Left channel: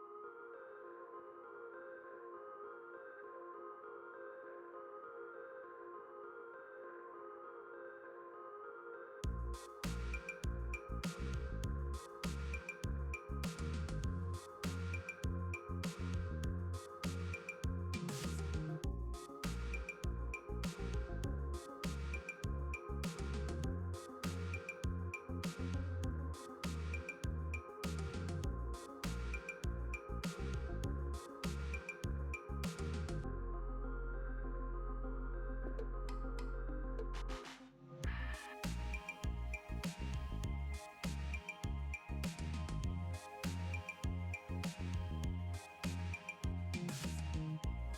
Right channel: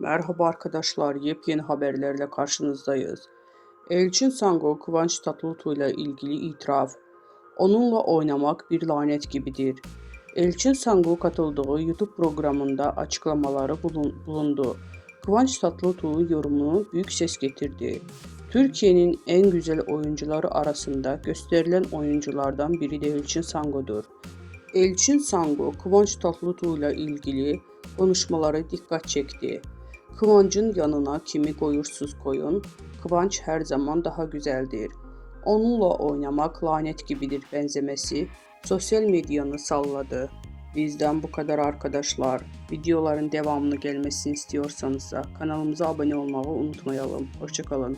Merhaba arkadaşlar, yepyeni haberlerle karşınızdayız. Elçin Sango, Kıvanç Tatlıtuğ ile ilgili itiraf. Onunla oynamak bir lanet gibidir. Elçin Sango katıldığı YouTube programında açıklamaları bulundu. Kıvanç Tatlıtuğ yorumunu büyük ses getirdi. Türkiye'nin en güzel oyuncuları arasında gösterilen oyunculardan biri de Elçin Sango'dur. Elçin Sango, Kıvanç Tatlıtuğ ile ilgili konuşmaları dikkat çekti. Kıvancın yanına kimi koyursuz koyun, Kıvanç her zaman daha güzeldir. Onunla oynamak lanet gibidir benzemesi sosyal medyanı salladı. Bizden bu kadar arkadaşlar. Videoların devamını gelmesini istiyorsanız da kanalımıza abone olmayı unutmayalım. Hoşça kalın.